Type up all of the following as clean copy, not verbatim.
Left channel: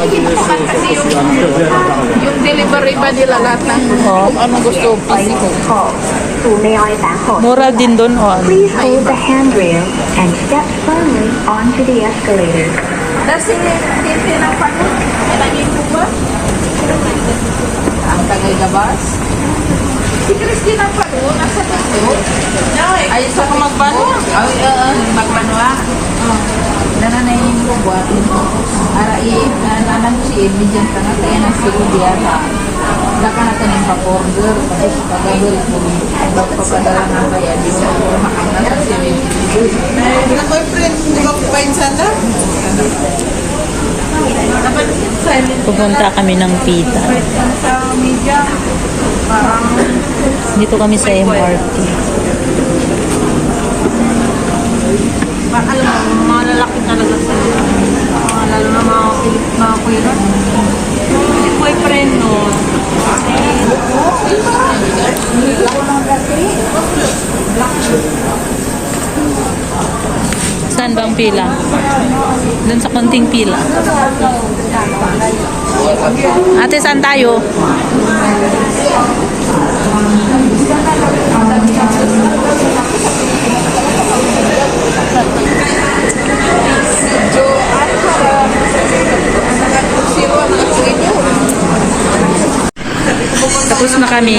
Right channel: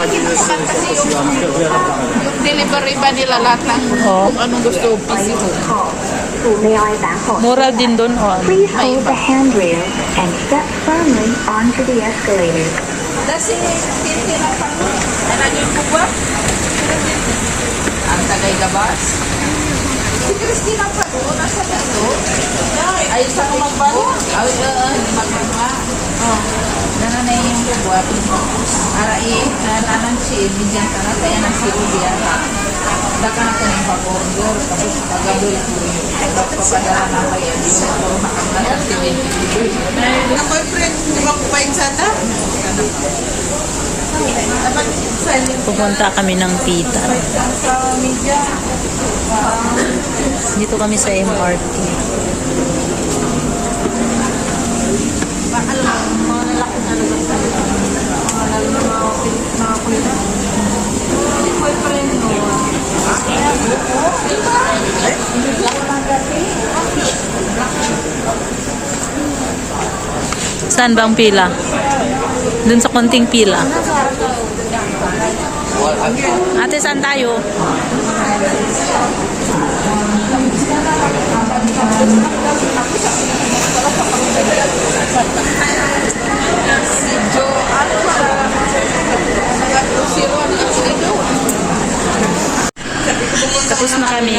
Yung delivery ba nila lahat ng kung anong gusto physical? Mura din doon, oh. Please hold the handrail and step firmly onto the escalator. Kasi hindi ng panun. Malagin mo ba? Ang tagay gabas. Si Christine ang panun. Nasa panun. Ay, sa kang magbanwa. Ay, magbanwa. Oh. Nananayin ko buhat. Arai, nanan si Ibijan tanah. Kaya nang siru dia ka. Daka na kaning pa-order. Kasi kagabel ko. Ba't papadala na kaya di mo ko makamdala si Ibijan. Ang boyfriend, di ba kumain sana? Pupunta kami ng Pita. Dito kami sa MRT. Alam mo, mga lalaki talaga sa lalo na mga kuya nun. Si boyfriend nun. Saan bang pila? Doon sa konting pila. Ate, saan tayo? Tapos na kami,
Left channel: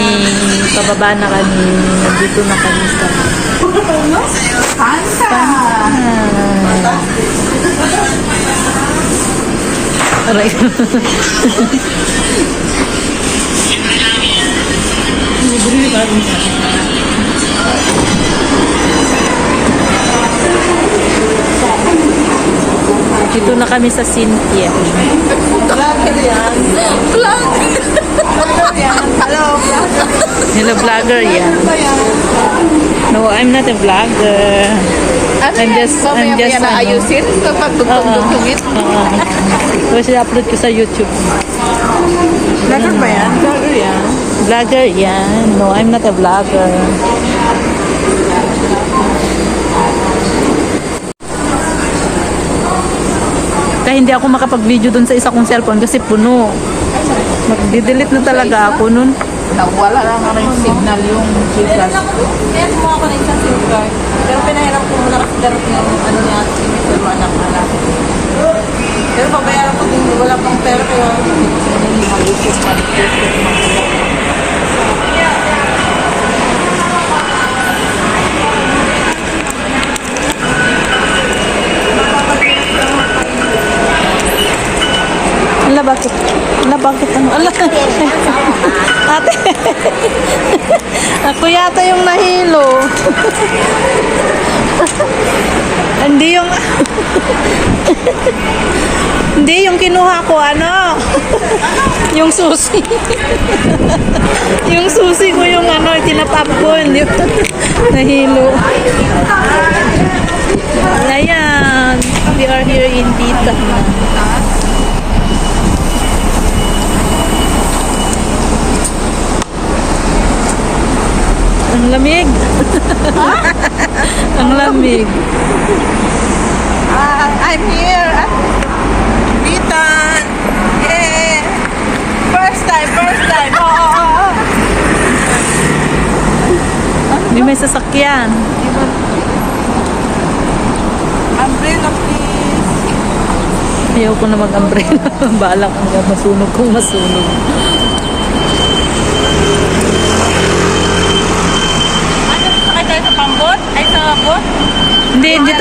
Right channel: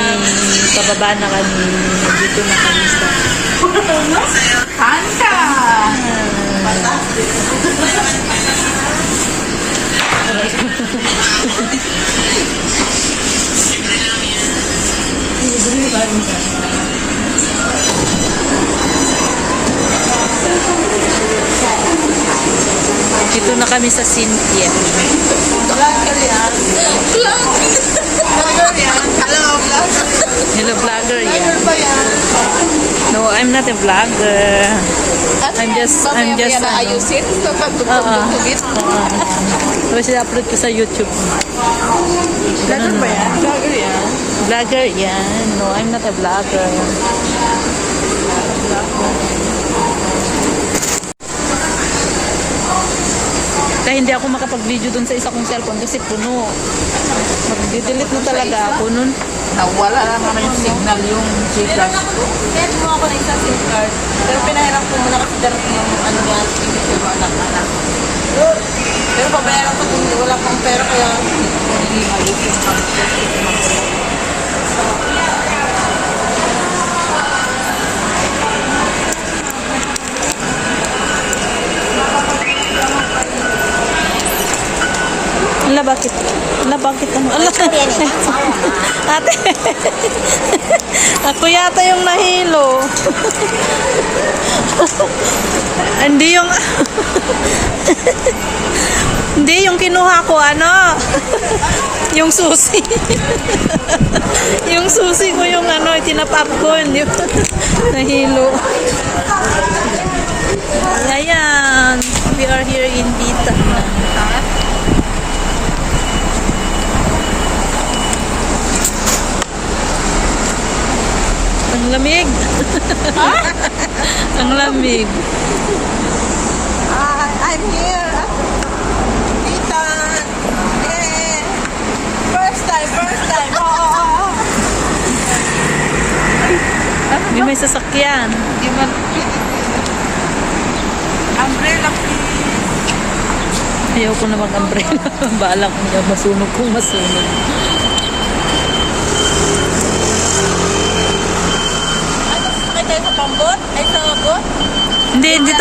pababa na kami, nandito na kami sa aray. Dito na kami sa Cynthia. Hello, vlogger yan. No, I'm not a vlogger. I'm just Ayusin kapag tugtog-tugtugit. Tapos i-upload ko sa YouTube. Vlogger ba yan? Vlogger yan? Vlogger yan. No, I'm not a vlogger. Kaya hindi ako makapag-video dun sa isa kong cellphone kasi puno. Mag-delete na talaga ako nun. Nawala lang naman yung signal yung Gcash. Kaya mo ako na isang SIM card. Pero pinahiram ko muna kasi darating yung ano niya, pero anak-anak. Pero babayaran ko kung wala pang pera kaya naging malisip pa. Ala, bakit? Ala, bakit? Ano? Ala, ate. Ako yata yung nahilo. Hindi yung... Hindi yung kinuha ko, ano? Yung susi. Yung susi ko yung ano, tinapap ko. Hindi nahilo. Ayan. We are here in Pita na. Ang lamig. Ang lamig. I'm here at Bitan. Yeah. First time. Oh. Hindi may sasakyan. Umbrella please. Ayaw ko na mag-umbrella. Baala ko nga masunog kung masunog. Sakay tayo sa pambot? Ay sa bot? Hindi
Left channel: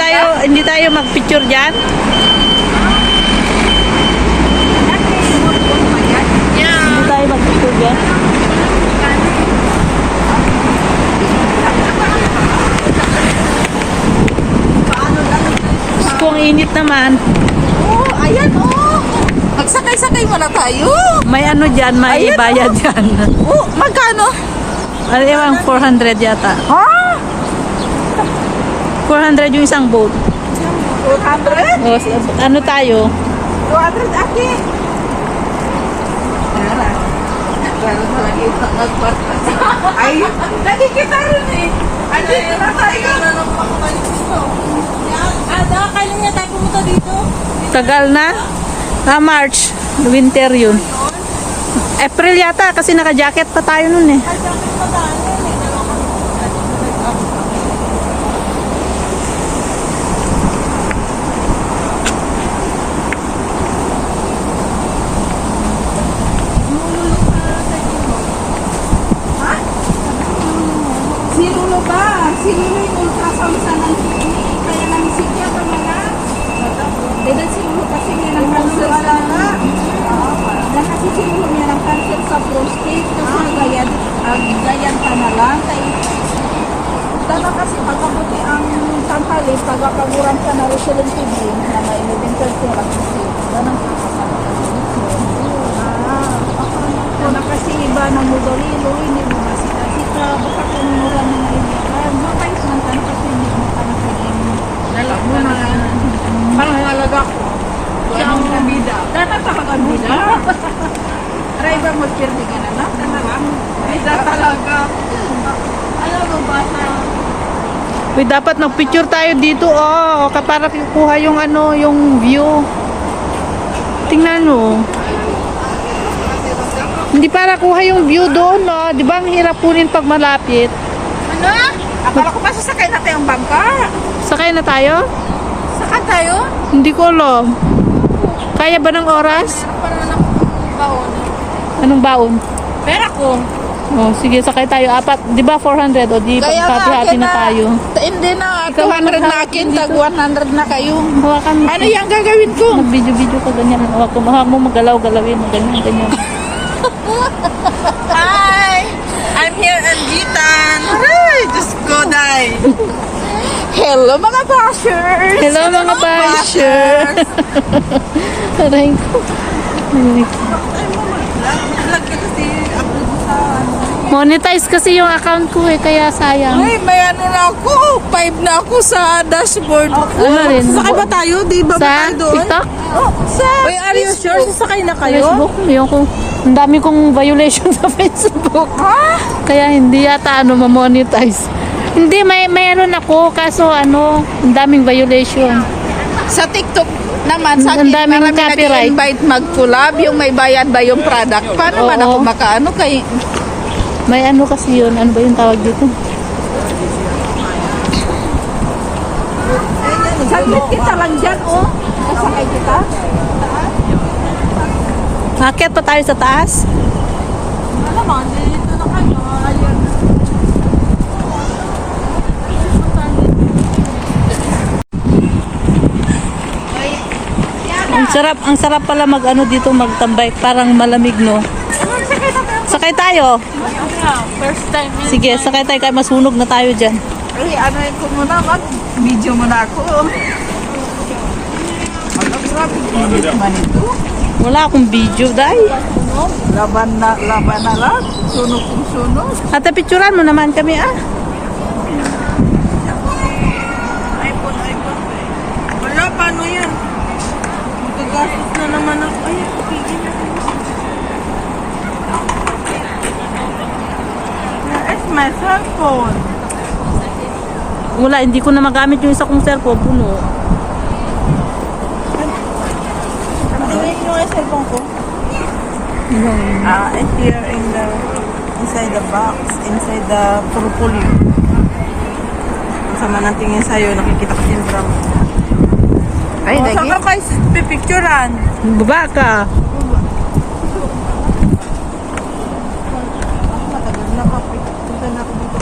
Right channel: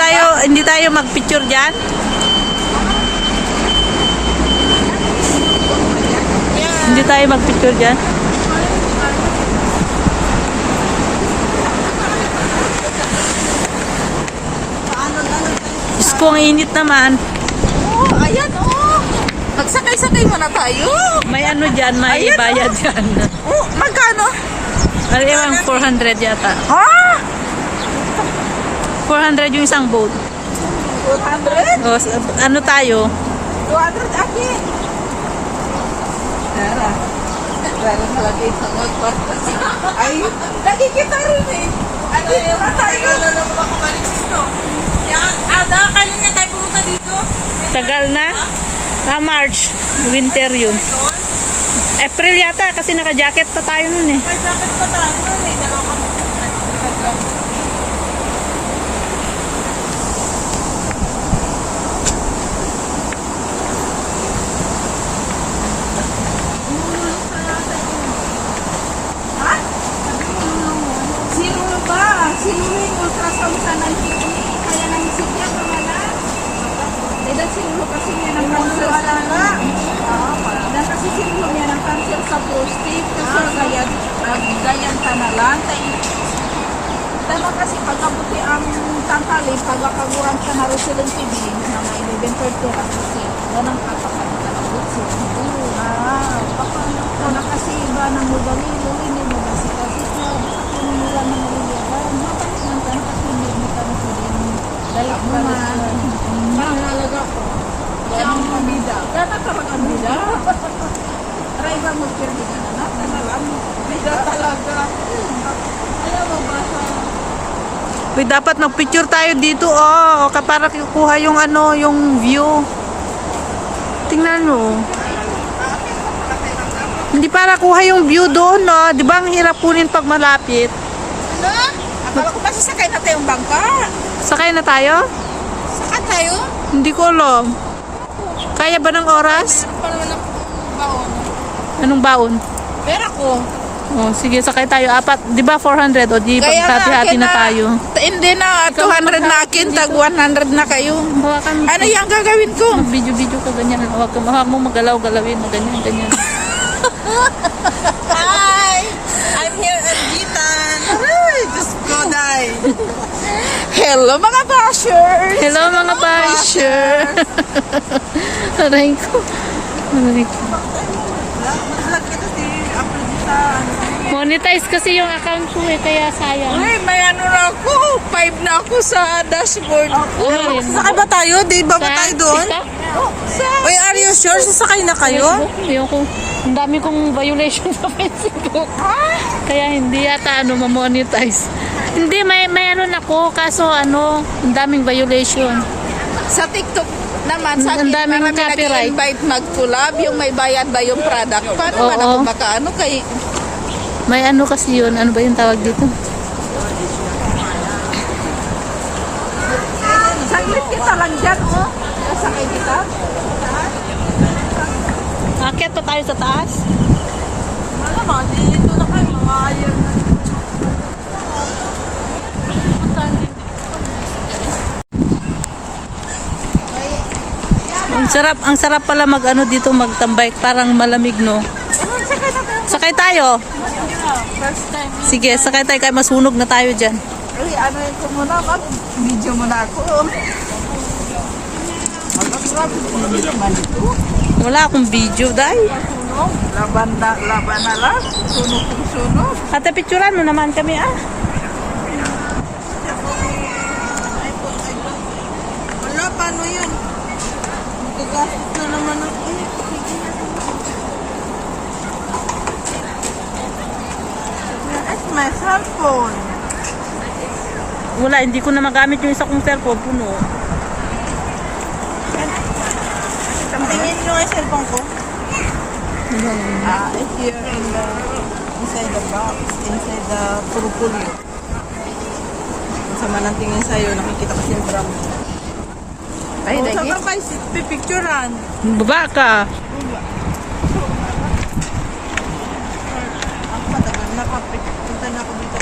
tayo mag-picture diyan. Yeah. Hindi tayo mag-picture diyan. Diyos ko, ang init naman. Oh, ayan oh. Magsakay-sakay muna tayo. May ano diyan, may bayad diyan. Oh, magkano? Alam, 400 yata. Ha? 400 yung isang boat. 200? O, ano tayo? 200 aki. Ay, lagi kita rin eh. Andi, wala tayo. Wala naman ako balik dito. Ada, kailan nga tayo pumunta dito? Tagal na? March. Winter yun. April yata kasi naka-jacket pa tayo nun eh. May jacket pa tayo. May dalawa kami. Ha? Si Lolo ba? Si Lolo yung ultrasound sa nanti. Kaya nang sikya pa wala. Dahil si Lolo kasi niya ng cancer sa dahil kasi si Lolo niya ng cancer sa prostate. Kasi gayan ka na lang. Dahil kasi pagkabuti ang tangkali, pagkakagurang ka na Rosalyn TV na may 11:30 ang kasi. Ganun na kasi iba na mo dalilo, hindi mo kasi ka, baka kanina ng naliyakan. Bakit naman ka kasi hindi mo tanong dalag mo na. Parang nalaga ko. Anong nabida? Dapat sa pag-abida. Try ba mo pirmi ka na? Bida talaga. Alam mo ba sa... Uy, dapat nag-picture tayo dito, oh. Para kukuha yung ano, yung view. Tingnan mo. Hindi para kuha yung view doon, no? Di ba ang hirap kunin pag malapit? Ano? Akala ko pa sasakay na tayong bangka. Sakay na tayo? Sakay tayo? Hindi ko alam. Kaya ba ng oras? Parang lang baon. Anong baon? Pera ko. Oh, sige, sakay tayo. Apat. Di ba 400? O di, pagkati-hati na tayo. Hindi na. Ikaw 200 na maghati akin. dito. Tag 100 na kayo. Hawakan mo. Ano yung gagawin ko? Mag-video-video ka ganyan. Hawak mo magalaw-galawin. Ganyan, ganyan. Hi! I'm here in Bitan. Ay, just go die. Hello mga bashers! Hello mga basher! Aray ko. Aray ko. Ay, mag-vlog ka kasi upload mo sa ano. Monetize kasi yung account ko eh, kaya sayang. Ay, may ano na ako. 5 na ako sa dashboard. Ano rin? Sasakay ba tayo? Di ba Sa tayo doon? TikTok? Uy, are you sure? Sasakay na kayo? Facebook? Ayoko. Ang dami kong violation sa Facebook. Kaya hindi yata ano ma-monetize. Hindi, may ano na ko. Kaso ano, ang daming violation. Sa TikTok naman, sa Ang akin, daming marami copyright. nag-invite mag-collab. Yung may bayad ba yung product? Paano man Oo. ako makaano kay... May ano kasi yun. Ano ba yung tawag dito? Saglit kita lang dyan, oh. Kasakay kita. Akyat pa tayo sa taas. Alam mo, dito na kayo. Ayan. Ang sarap pala mag ano dito magtambay. Parang malamig, no? Sakay tayo. First time. Sige, sakay tayo kaya masunog na tayo dyan. Ay, ano yun ko muna, mag-video muna ako. Mag-grabe man ito. Wala akong video, day. Laban na lang. Sunog kung sunog. Ate, picturean mo naman kami, ah. iPhone. Wala, paano yan? Magagastos na naman ako. Ay, pili na ako. It's my cellphone. Wala, hindi ko na magamit yung isa kong cellphone, puno. Tingin nyo nga yung cellphone ko. It's here inside the box, inside the purple. Sama ng tingin sa'yo, nakikita ko siyempre. Ay, lagi. Saan ka pa pipicturean? Baba ka. Ako matagal na pagpunta na ako dito.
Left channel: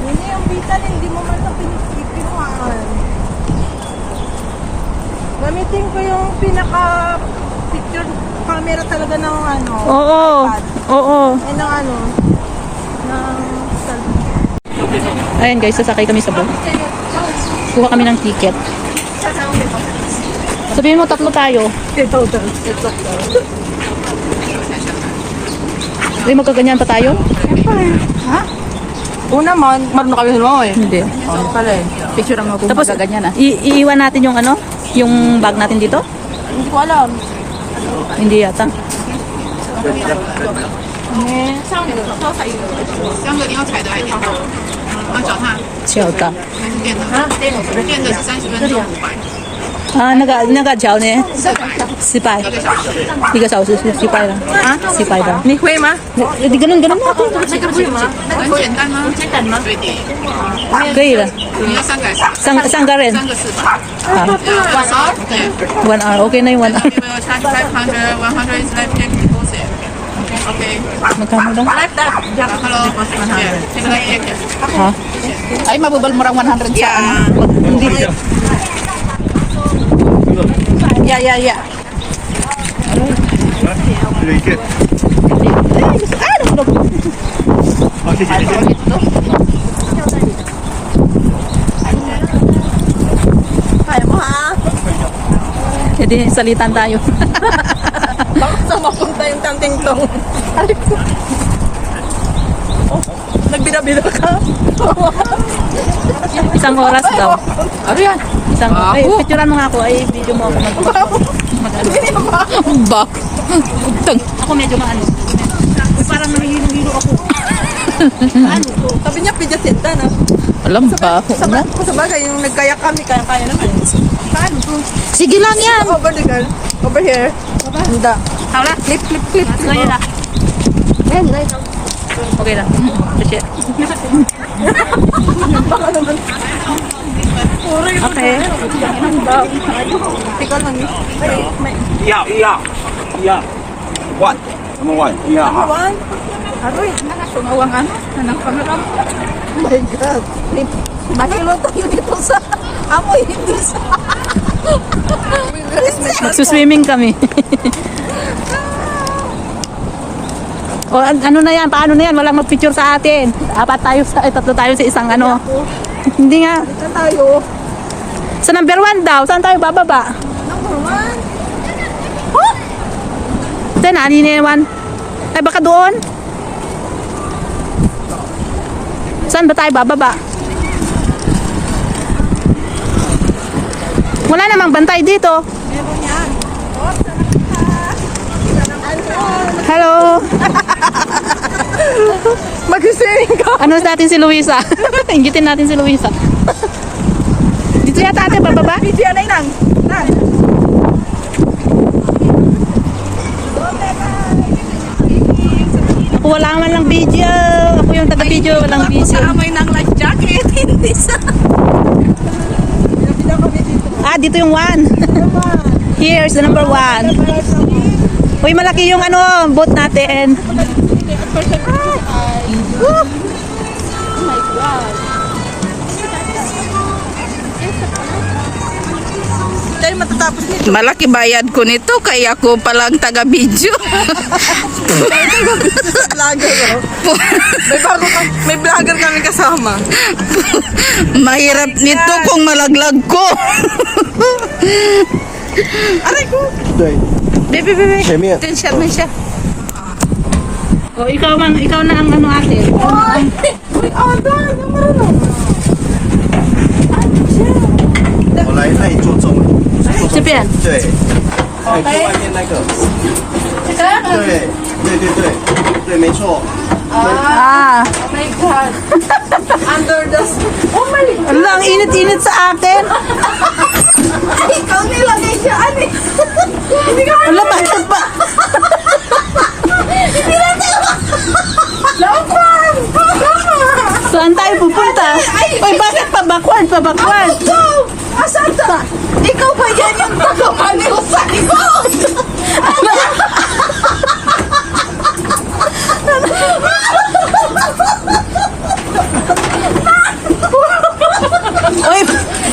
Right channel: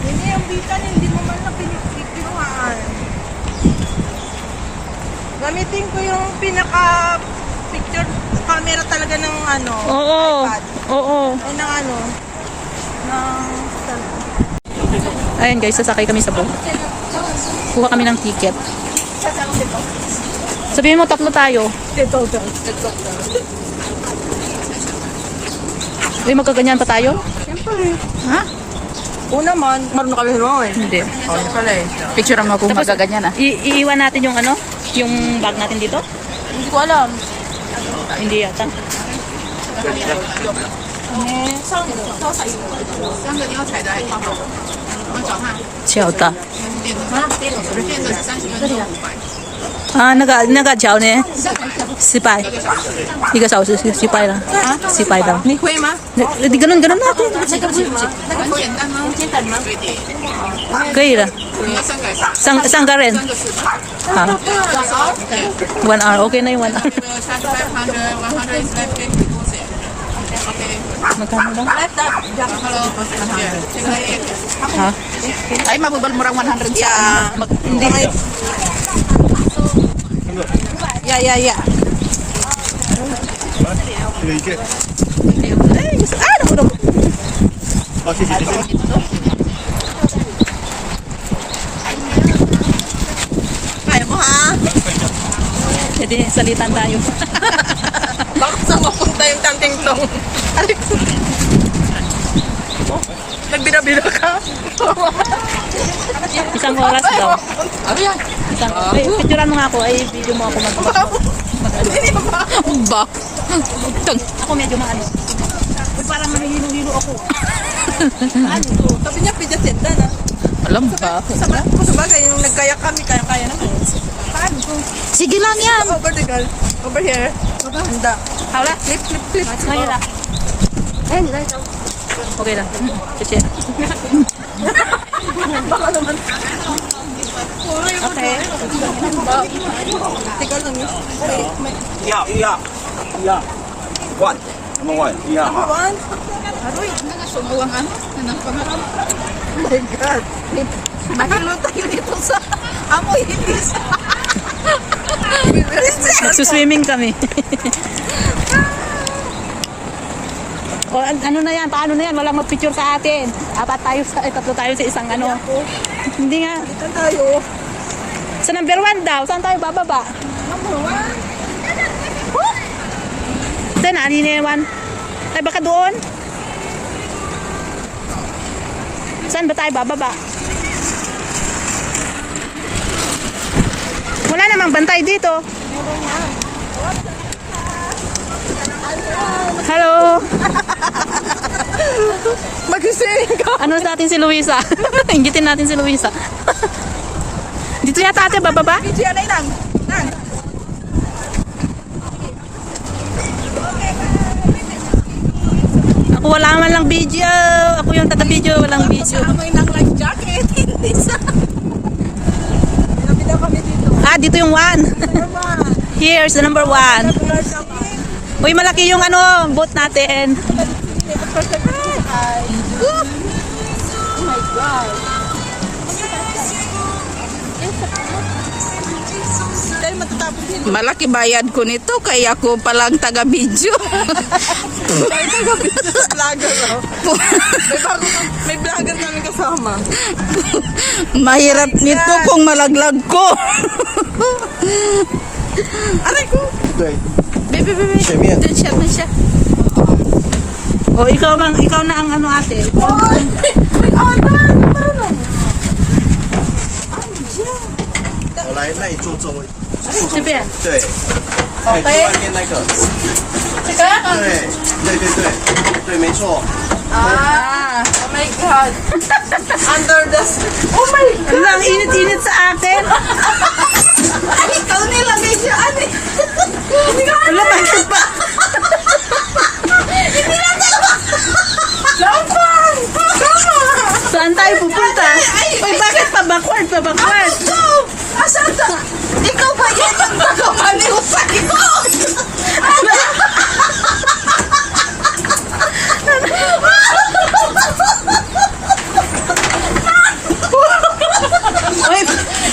Hindi yung bitan, hindi mo man na pinipicturean. Gamitin ko yung pinaka-picture camera talaga ng ano. Oo. Oo. Ay, ng ano. Ayan guys, sasakay kami sa boat. Kuha kami ng ticket. Sabihin mo, tatlo tayo. Ay, magkaganyan pa tayo? Ha? Una mo, marunong kami mo eh. Hindi. Ano pala eh. Picture mo kung Tapos, magaganyan ah. iiwan natin yung ano? Yung bag natin dito? Hindi ko alam. Hindi yata. 三个你要踩的还是电动？要脚踏小的电的，电的是30分钟500，啊，那个脚呢？失败， 1个小时。 1个小时失败了，失败了。你会吗？你ganun natin. 很简单吗？简单吗？对的，可以了，你要3个还是三个人。 3个400。好 Yeah. ，1 hour. Okay na yung 1 hour. We will charge 500. 100 is left take deposit. Okay. Magkano daw? Hello. Yeah. Take a check. Ha? Ay, mabubal mo lang 100 sa ano. Hindi. Yeah. 这个一件。 好，谢谢。 Kaya mo ha? Jadi salitan tayo. Saan mapunta yung tanting tong? Oh, nagbira-bira ka? Isang oras daw. Ano yan? Isang oras. Ay, picturean mo nga ako. Ay, video mo ako. Ba? Ako medyo maano. Ay, parang nahihilo-hilo ako. Ano to? Sabi niya, pijatinda na. Alam ba? Sabagay, yung nagkayak kami, kaya naman. Paano to? Sige lang yan. Over the girl. Over here. Handa. Hala. Clip. Ngayon lang. Okay lang. Sige. Okay. Ikaw lang. Yeah. One. Number one. Yeah. One. Aroy, sumawang ano? Anong pangarap? Oh my God. Mahilo tayo dito sa amoy, hindi sa... Magsuswimming kami. O, ano na yan? Paano na yan? Walang mag-picture sa atin. Tatlo tayo sa isang ano. Hindi nga. Saan tayo? Sa number 1 daw. Saan tayo bababa? Ito na, aniniwan. Ay, baka doon. Saan ba tayo bababa? Wala namang bantay dito. Hello. Mag-swimming ka. Ano natin si Luisa? Inggitin natin si Luisa. Dito yata ate bababa? PG, anay lang. Ako wala man lang video. Ako yung taga-video, walang video. Amoy ng life jacket. Hindi sa... Napita kami dito. Ah, dito yung 1. Here's the number 1. Uy, malaki yung ano, boat natin. Oh my God. Tayo matatapos nito. Malaki bayad ko nito kaya ako palang taga-video. Vlogger yun. May vlogger kami kasama. Mahirap nito kung malaglag ko. Aray ko. 对， Baby. 前面。 Dun siya, dun siya. O, ikaw na ang ano ate. Marunong. 我来那里做中文。 Si Pian. 对。哎，就外面那个。对，没错。 Ah. Oh my God. Under the... Oh my God. Ano, ang init-init sa akin. Ikaw nilagay siya. Ano? Ano, bakit ba? Hindi na tayo. Lapan! Saan tayo pupunta? Uy, bakit pa backward? Ikaw! Asan ka? Ikaw ba yan yung nagkapaliw sa ikaw? Uy,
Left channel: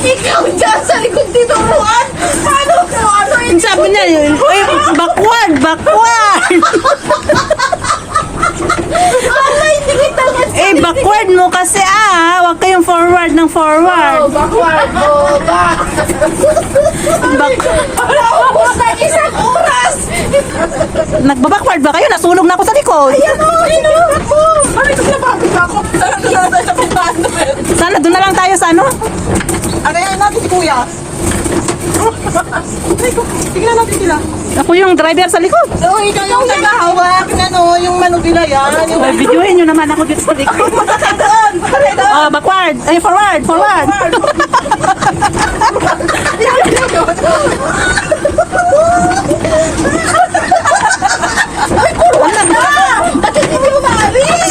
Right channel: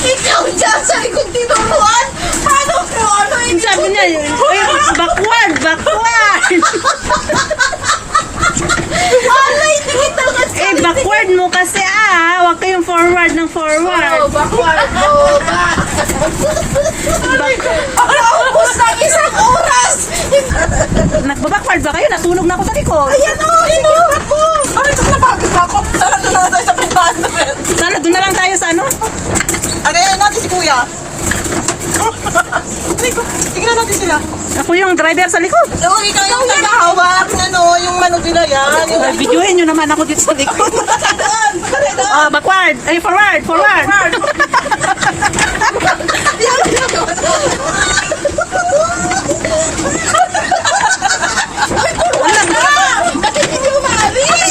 Ikaw dyan sa likod dito, Juan! Paano ko ano ang sabi niya yun. Uy, backward! Alay, hindi kita kasi. Eh, backward mo kasi Huwag kayong forward ng forward. Backward. Back. Naubos ng 1 oras. Nagbabackward ba kayo? Natulog na ako sa likod. Ayan o, inuulat mo. Ano ito napagod pa ako? Sana doon na tayo sa 500. Sana doon na lang tayo sa ano? Ano yan natin si Kuya? Tingnan natin sila. Ako yung driver sa likod. Oo, ikaw yung nag-ahawak. Ano, yung manubila yan. Yung Ay, videoin nyo naman ako dito sa likod. doon. Doon. Oh, backward. Ay, forward. Forward. Bakit hindi umaalis?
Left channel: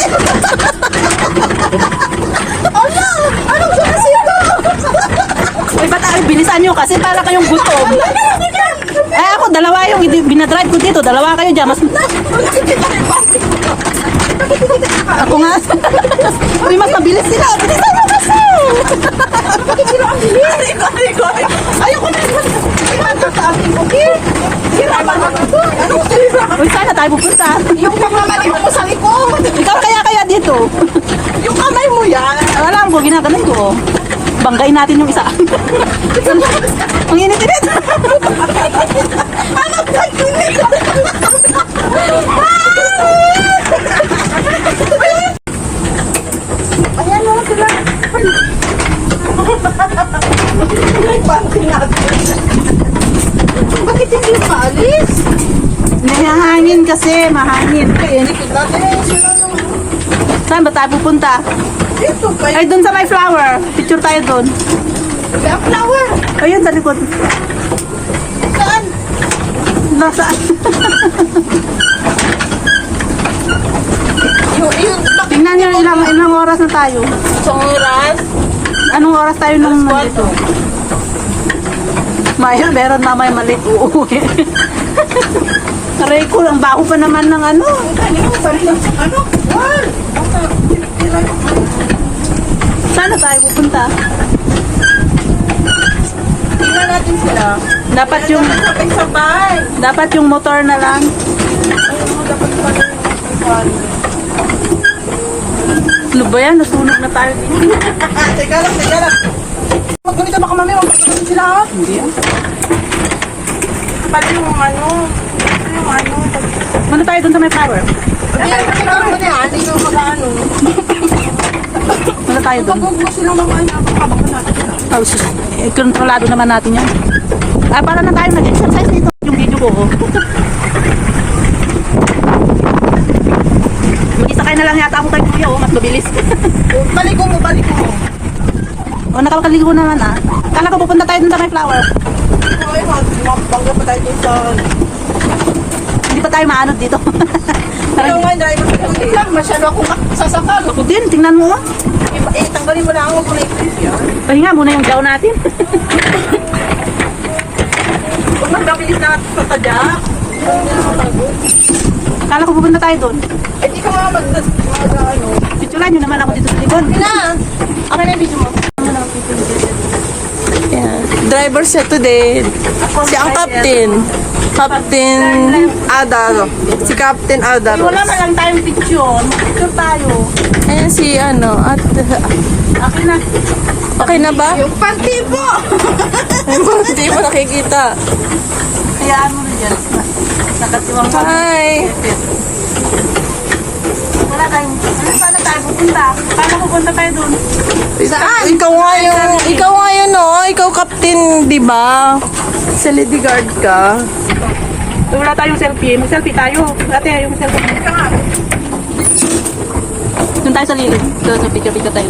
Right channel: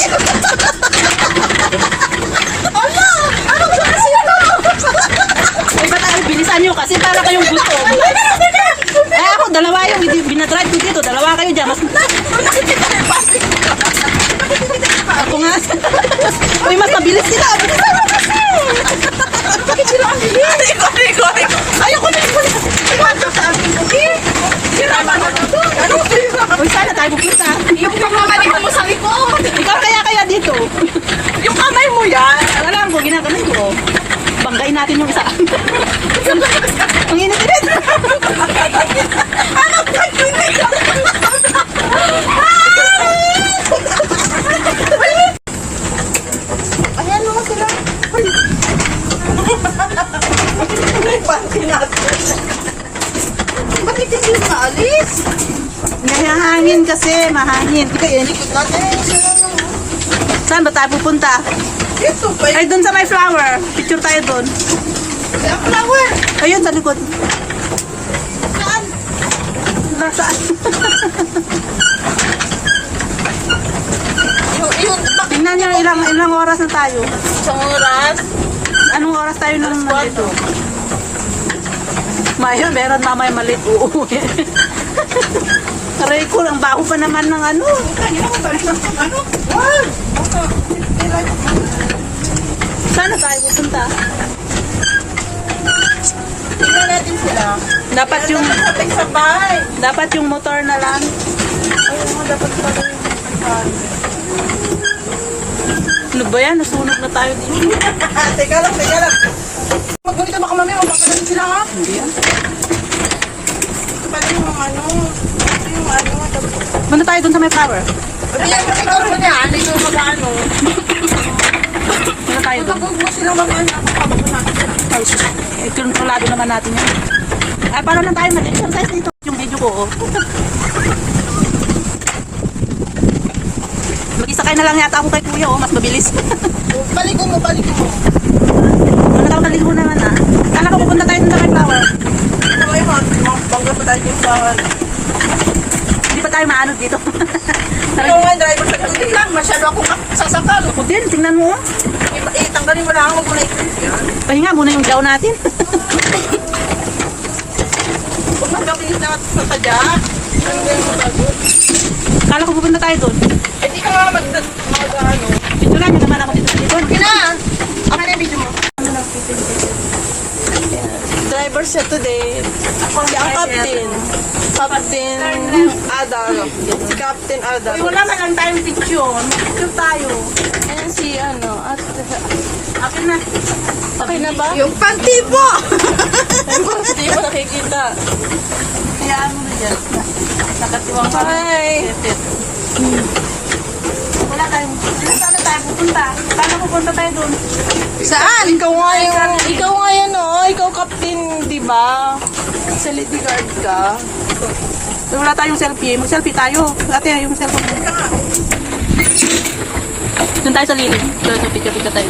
Ala! Anong klase ito? Ay, ba't ay, bilisan nyo kasi para kayong gutom. Eh, ako, dalawa yung binadrive ko dito. Dalawa kayo dyan. Mas... Ako nga. Uy, mas mabilis sila. Bilisan mo kasi. Bakit sila ang bilis? Ikot. Ayoko na. Iwanto sa akin. Okay? Hirapan mo ito. Anong sira? Uy, sana tayo pupunta. Yung pagmamalik mo sa likod. Ikaw kaya dito. Yung kamay mo yan. Alam ko, ginaganon ko. Banggain natin yung isa. Ang init-init. Ano ba yun? Ayan mo sila. May panty natin. Bakit hindi maalis? Mahangin kasi, mahangin. Kaya likod natin. Saan ba tayo pupunta? Dito pa Ay, doon sa may flower. Picture tayo doon. yung flower. Ayun, sa likod. Saan? Nasaan? Yung Tingnan nyo ilang oras na tayo. isang oras. Anong oras tayo nung nandito? Maya, meron mamaya maliit uuwi. Aray ko, ang baho pa naman ng ano. Ano? Wal! Saan na tayo pupunta? Tingnan natin sila. Sabay. Dapat yung motor na lang. Ayun mo, dapat pala yung pagkakali. Ano ba yan? Nasunog na tayo dito. Teka lang. Magpunta baka mami, magpapalasin sila ha? Hindi ah. Pati yung ano. Muna tayo dun sa may flower. Ikaw mo na, ano yung mga ano. Muna tayo dun. Huwag mo silang mag-ano. Oh, sus. Eh, kontrolado naman natin yan. Ah, para na tayo mag-exercise dito. Yung video ko. Oh. Mag-isakay na lang yata ako kay kuya. Oh. Mas mabilis. Balik mo. O, nakakaligo naman ah. Kala ko pupunta tayo dun sa may flower. Okay mo, bangga pa tayo dun sa... Hindi pa tayo maanod dito. Ikaw nga, driver sa kapatid lang. Masyado akong sasakal. Ako din, tingnan mo. Oh. Tanggalin mo lang. Huwag mo na i-print yan. Pahinga muna yung jaw natin. Huwag magkabilis na sa tadya. Kala ko pupunta tayo dun. Eh, di ka mga ano. Picturean nyo naman ako dito sa likod. Ina! Akin na yung video mo. Driver siya today. Si ang captain. Captain Ada. Si Captain Ada. Wala man lang tayong picture. Picture tayo. Eh, si ano. At, Akin na. okay na ba? Yung panty po! Hindi mo nakikita. Hayaan mo na dyan. Nakatiwang ka. Hi! Wala tayong... Saan na tayo pupunta? Kala pupunta tayo dun. Saan? Ikaw nga yun, oh. Ikaw captain, di ba? Sa lady guard ka. Wala tayong selfie. Mag-selfie tayo. Ate, yung selfie. Doon tayo sa lilid. Doon sa picture tayo.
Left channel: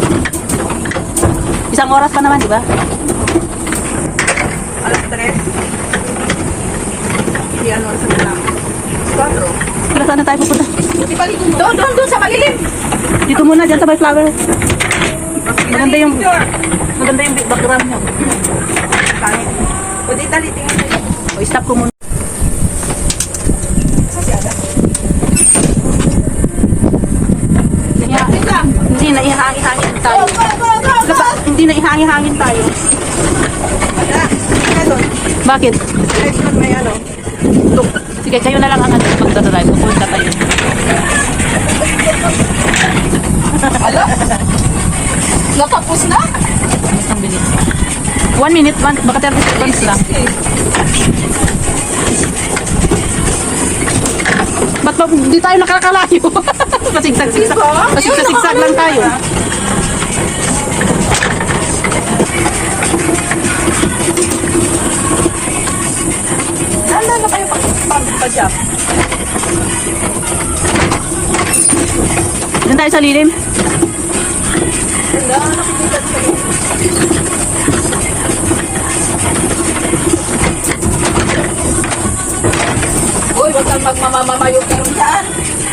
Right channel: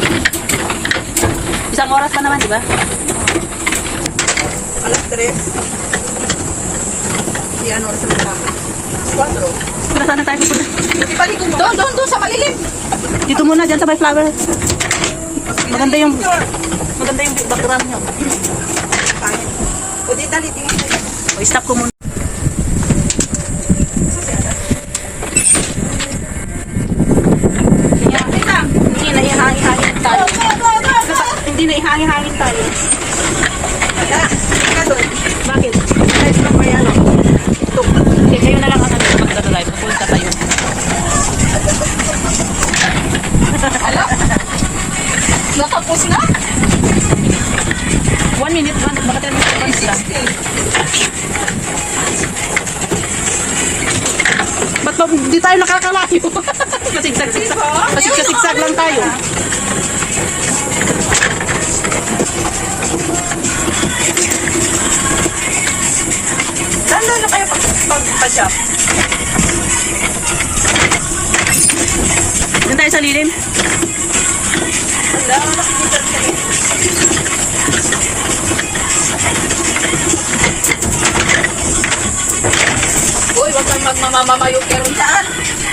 Isang oras pa naman, di ba? Alas 3. Di ano, sa mga. 4. Wala saan na tayo pupunta? Doon, sa malilim. Dito muna, dyan sa may flower. Maganda yung background nyo. O, di dali, tingin mo. O, stop ko muna. Hindi na ihangin tayo. Hindi na ihangin tayo. Kaya doon. Bakit? Kahit pag may ano. Sige, kayo na lang ang magdadrive. Pupunta tayo. Natapos na? 1 minute, baka 30 seconds lang. Ba't ba di tayo nakakalayo? Pasigsag lang tayo. pa-shop. Doon tayo sa lilim. Uy, wag kang magmamamayo kayo dyan.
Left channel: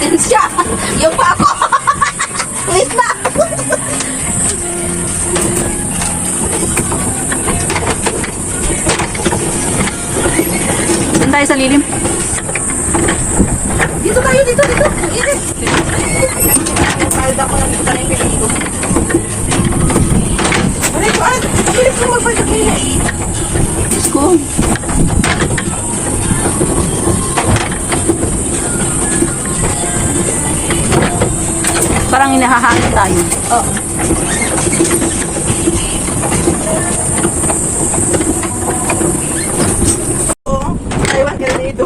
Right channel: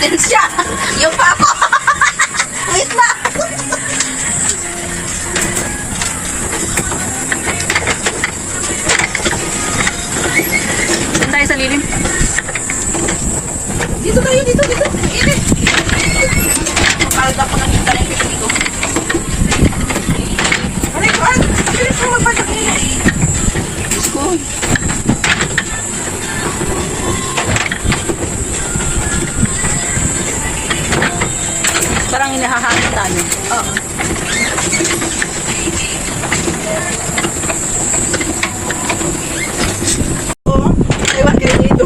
Yan siya. Yung pa ako. Wait na. Doon tayo sa lilim. Dito kayo, dito. Init. Kahit ako nakita na yung pipili ko. Aray ko, bilis mo magpasak niya. Diyos ko. Parang inahahangin tayo. Oo. Aywan ka dito.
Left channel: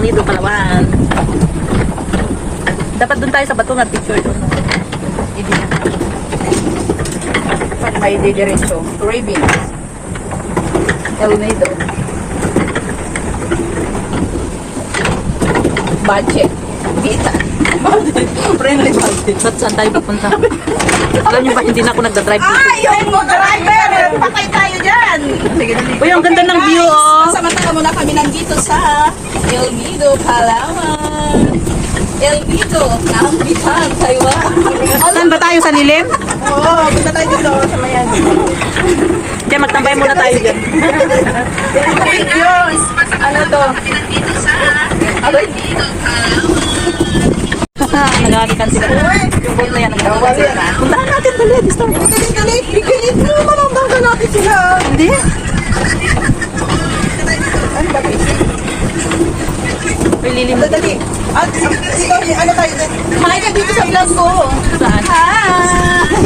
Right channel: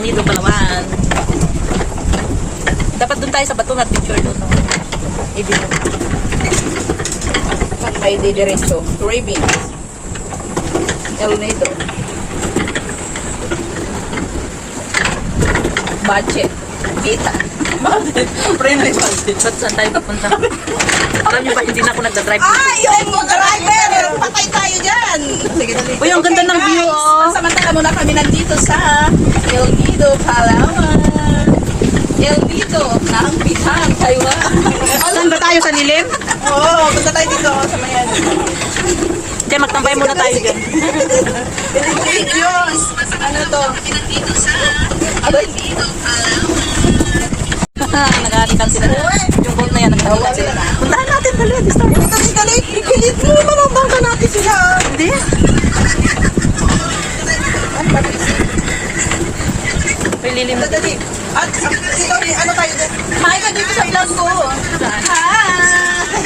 Dito Palawan. Dapat doon tayo sa bato na picture doon. No? May didiretso. Raving. El Nido. Budget. Vita. Friendly budget. Saan tayo pupunta? Alam niyo ba, hindi na ako nagdadrive dito. Ay, yung driver! Patay tayo dyan! Sige, dali. Uy, ang ganda ng view, oh! Samantala muna kami nandito sa El Nido, Palawan. El Nido, Nampitan, Taiwan. Saan ba tayo sa lilim? Oo, punta tayo dito sa Mayan. Diyan, magtambay muna tayo dyan. Diyos! Ano to? Aray! Naghahalikan sila. Yung boat na yan, naghahalikan sila. Puntahan natin, dali. Gusto mo? Galit! Galit mo! Malambang ka natin sila! Hindi. Ano ba, Chris? May lilim. Dali. At ito, ano tayo dyan? Hi ka dito sa vlog ko. Saan? Hi!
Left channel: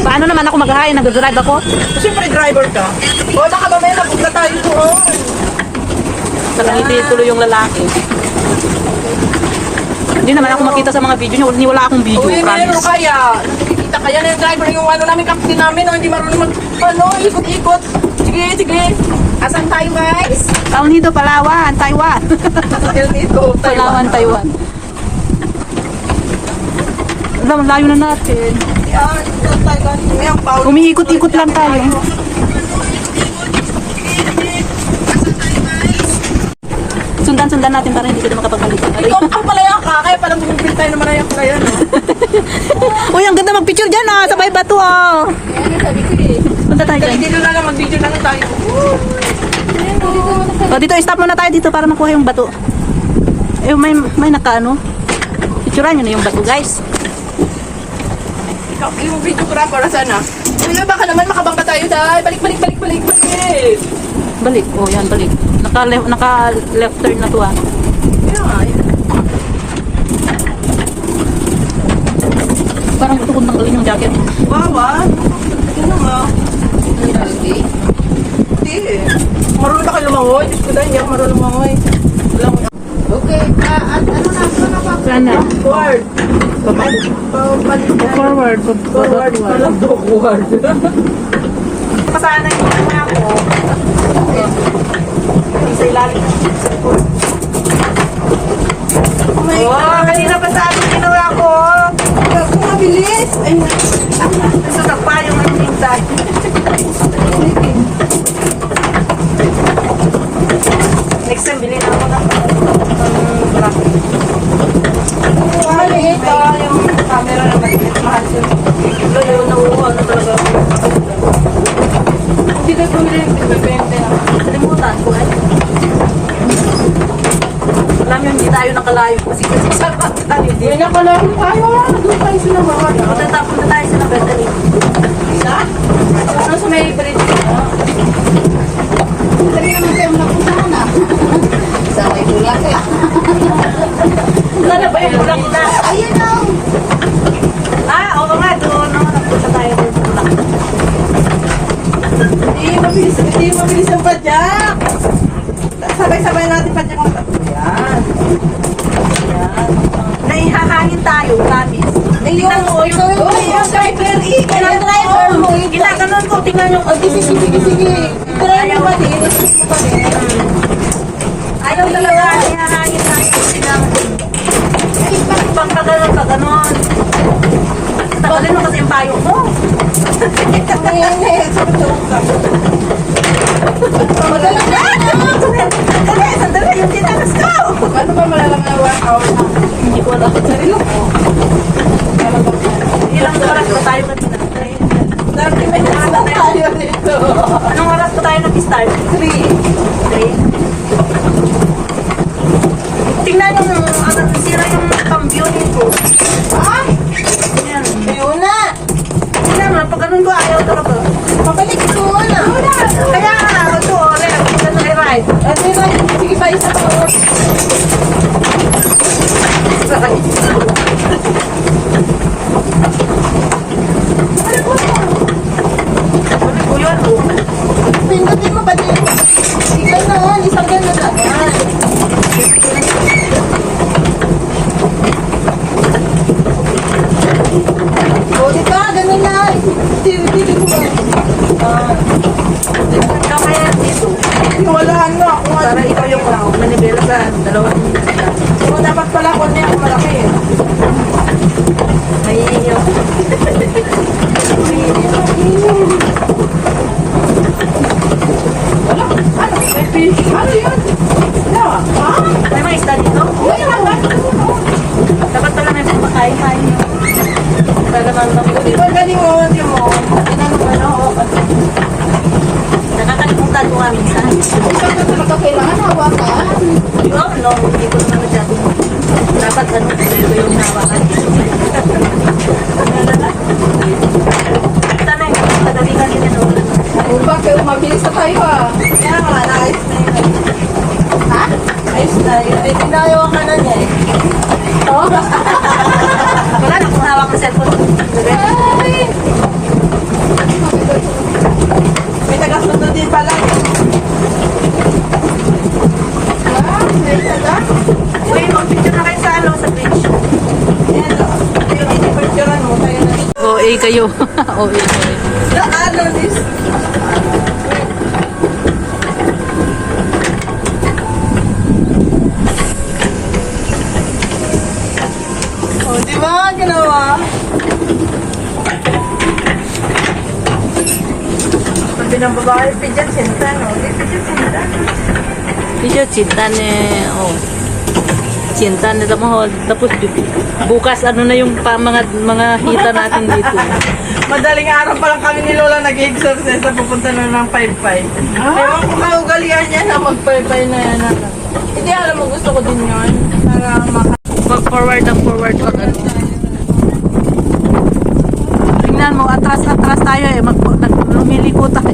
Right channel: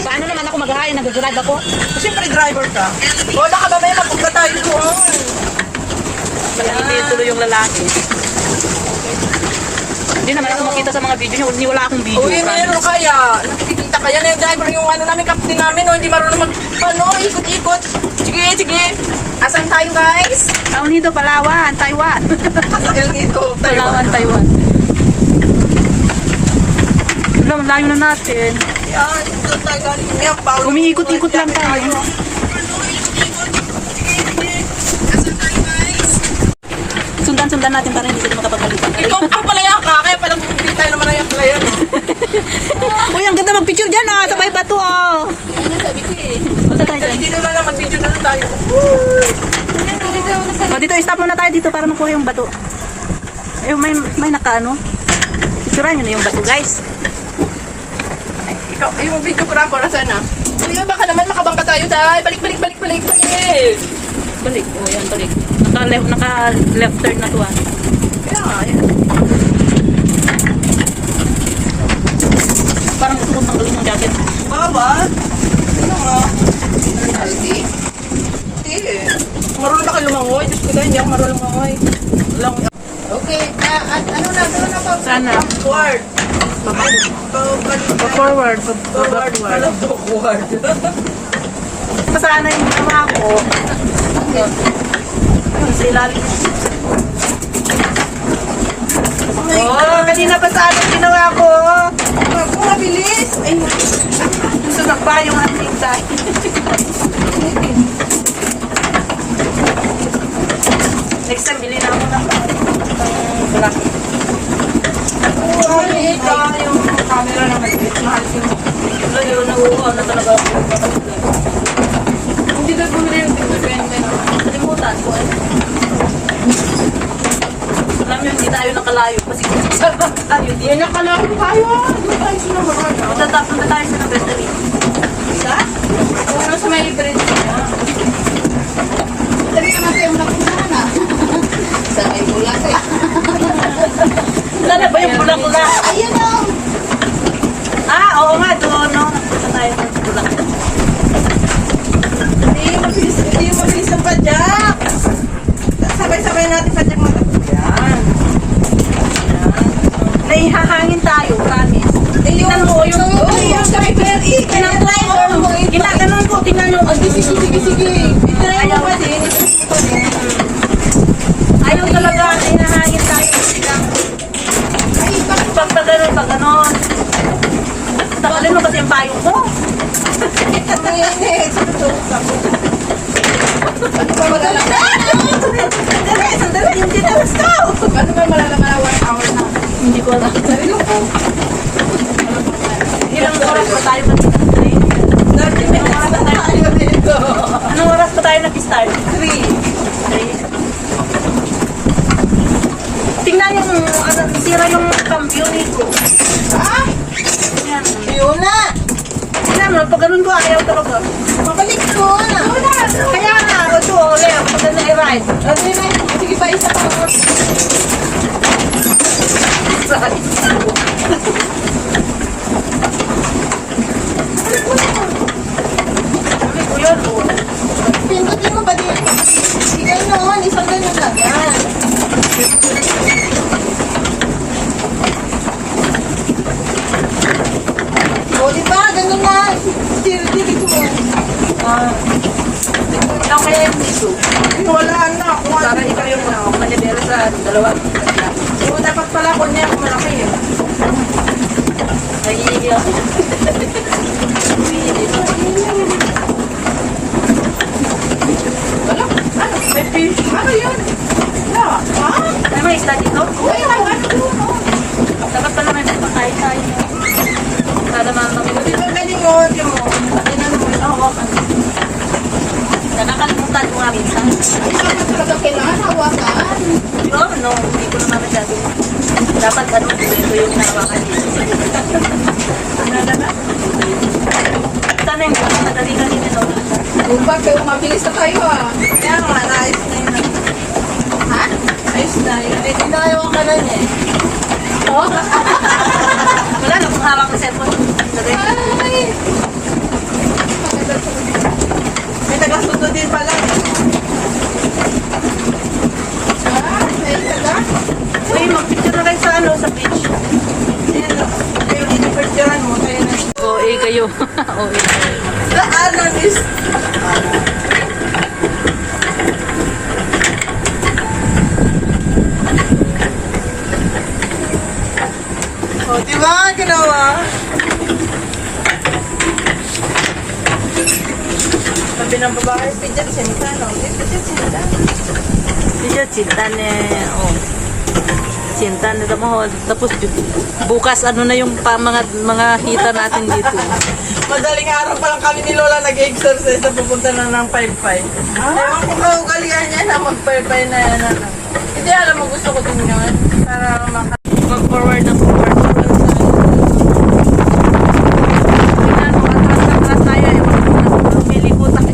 Paano naman ako mag-hi? Nag-drive ako? Siyempre driver ka. O, nakamamaya na punta tayo doon. Nakangiti tuloy yung lalaki. Hindi naman ako makita sa mga video niya. Wala akong video, Uy, meron promise. kaya. Nakikita kaya na yung driver yung ano namin, captain namin. O, hindi marunong ikot-ikot. Sige. Asan tayo, guys? Taon dito, Palawan, Taiwan. Dito. Palawan, Taiwan. Alam, layo na natin. Umiikot-ikot lang tayo. Sundan natin para hindi sila makapaghalika. Ikaw ang palayan ka, kaya palang bumipil tayo naman na yung palayan. Uy, ang ganda mag-picture dyan ah, sa may bato ah. Punta tayo dyan. Video na lang, mag-video na lang tayo. O, dito, stop muna tayo dito para makuha yung bato. Eh, may naka-ano. Picturean nyo na yung bato, guys. Ikaw, yung videographer na sana. Ano, baka naman makabangka tayo dahil. Balik. Balik. Oh, yan, balik. Naka-left turn na to ah. Parang gusto kong tanggalin yung jacket. Bawa? Ano nga? Hindi. Marunong ba kayo lumangoy? Diyos ko dahil, hindi ako marunong lumangoy. Okay, ano na ba? Sana. Forward. Forward. Forward. Pasana yung ginawa ko. Sa ilalim. Oh, kanina pa sa ating ginawa ko. Kung mabilis. Ay, Nasunak pa yung ating tayo. Next time, bilhin ako ng black. ito yung camera na maliit. Mahal ko. Yun, nauuhaw na talaga ako. Hindi na bumili yung depende. Kalimutan ko, ano? Alam nyo, hindi tayo nakalayo kasi sarap tayo Hindi dito. na pala kung kaya. Doon tayo sinabahan. Punta tayo sa battery. Ano sa may bridge? Lagi naman tayo napuntahan na. Sa may kulak eh. Wala na ba yung bulak-bulak? Ayun na. Ah, oo nga, doon, no? Nagpunta tayo doon sa bulak. Hindi yung mabilis ang padyak. Sabay-sabay natin padyak mo. Yan. Naihahangin tayo, promise. Tingnan mo yung driver. Tingnan mo. Ginaganon ko, tingnan yung... Sige. Try mo pa din. Ayaw talaga, naihahangin. mainit. Madala na. Sandali, yung tinalas ko. Ano ba malalang na workout na? Hindi ko alam. Sarilo ko. Ilang oras pa tayo mag-start? 30 minutes na tayo dito. Anong oras pa tayo nag-start? 3. Tingnan yung sira yung cambio nito. Ah, Yan. yun na. Tingnan mo, pag ganun ko ayaw talaga. Pabalik ko na. Kaya nga, ito, Leo, pag ganun i-ride. Ano yun? Sige pa, isa pa. Ano ko yan, oh. Pindutin mo ba dito? Sige noon, isang ganun lang. Yan. O, di ba? Ganun lang. Tiri-tiri ko mo. Ikaw kaya yung dito. Wala na ako. Para ikaw yung manibela sa dalawa. O, dapat pala ako niya ako malaki eh. Naiingi ako. Wala. Ano? May fish. Ano yun? Yawa. Ha? May mga isda dito? Wala. Dapat pala may pagpakain tayo. No? Para naman Di ba galing mo? Di mo. Tinanong mo na ako. nakakalimutan ko nga minsan. Isang na talaga kailangan hawakan. Oh, no, hindi ko naman masyado. Dapat ano, ito yung hinawakan dito. Tanay, tagalikan din yun. O, bakit? Mabilis na tayo ah. Kaya nga, naayos na yun. Ha? Ayos na yun. Eh, tinayawan ka na niya eh. Oh? Wala na kung hawak ng cellphone. Ay! May taga-sundo din pala eh. Ah, may taga? Uy, mag-picture na kayo sa ano, sa beach. Ayan o. Yung picturean mo kayo na. OA kayo. OA. Ano this? O, di ba ginawa? Sabi ng babae, pidyan sinta, no? Di pidyan sinta. Video cinta ni, oh. Cinta ni Tamahol. Tapos bukas ano na yung mga hita natin dito. Madaling araw pa lang kami ni Lola nag-exercise na pupunta na ng 5-5. Ewan ko kaugalian niya na mag-5-5 na yan. Hindi, alam mo, gusto ko din yun. Para Pag-forward ng forward pag ano. Tingnan mo, atras tayo eh. Lumiliko tayo.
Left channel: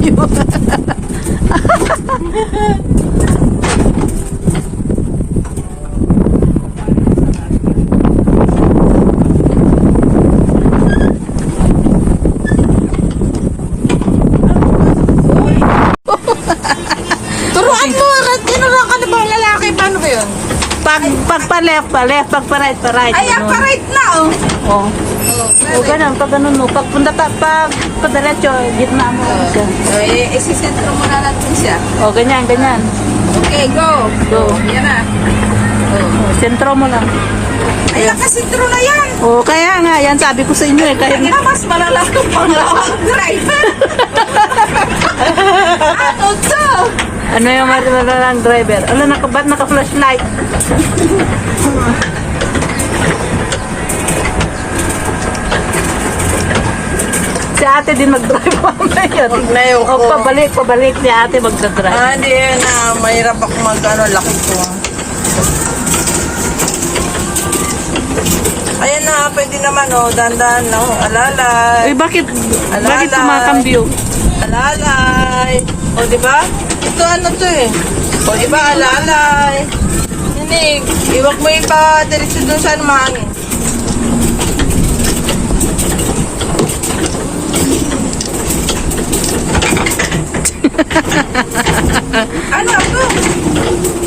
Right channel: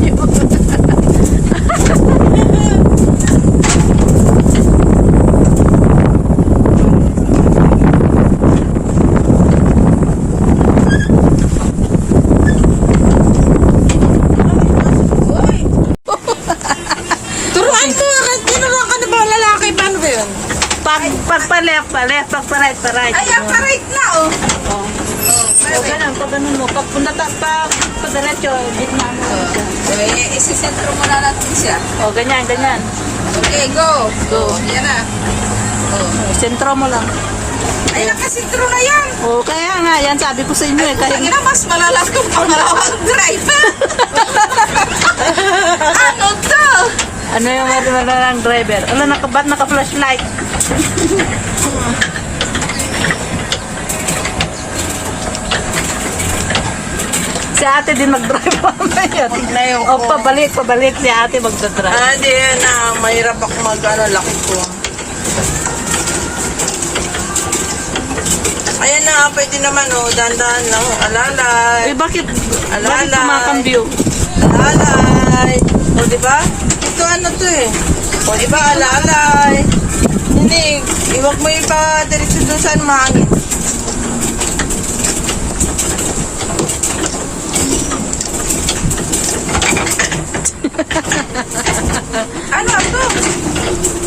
Turuan mo, tinuruan ka na ba lalaki? Paano ba yun? Pag pa-left, pag pa-right, pa-right. Ay, pa-right na, oh. Oh. O ganun, pag ganun mo. Pag punta pa-diretso, gitna mo. Ito. Eh, isisentro mo na natin siya. O, ganyan, ganyan. Okay, go. Go. Yan na. O, sentro mo lang. Ay, nakasentro na yan. O, kaya nga, yan sabi ko sa inyo eh. Kahit Kaya na, mas malala kang pangalawang driver. Ano to? ano yung malalang driver. Ano, ba't naka-flashlight? Si ate din mag-drive mamaya. na yung O, pabalik si ate magdadrive. Hindi yan. Mahirap ako mag-ano, laki ko. Ayan na, pwede naman, oh. Dahan-dahan lang. Alalay. Eh, bakit kumakambyo? Alalay. O, diba? Ito ano to eh. O, diba? Alalay. Hindi, iwag mo ipa diretso dun saan mahangin. Ano ito?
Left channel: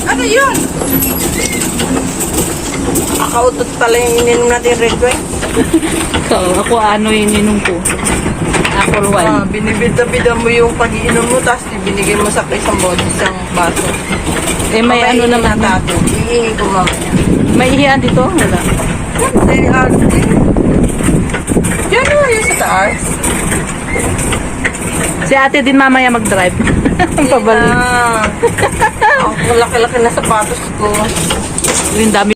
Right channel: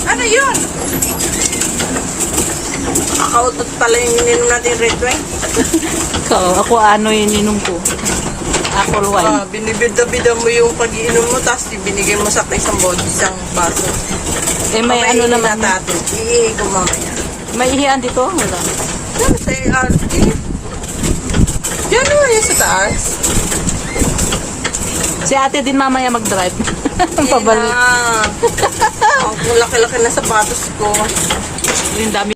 Ano yun? Kakautot pala yung ininom natin red wine. Ako ano yung ininom ko? Apple wine. Binibida-bida mo yung pag-iinom mo, tapos ibinigay mo sa isang isang baso. Eh, may ano naman. Tato. Iihi ko mamaya. May ihian dito? Wala. Say, Yan yun yung sa taas. Si ate din mamaya mag-drive. Pabalik. Ang laki-laki na sapatos ko. Yung dami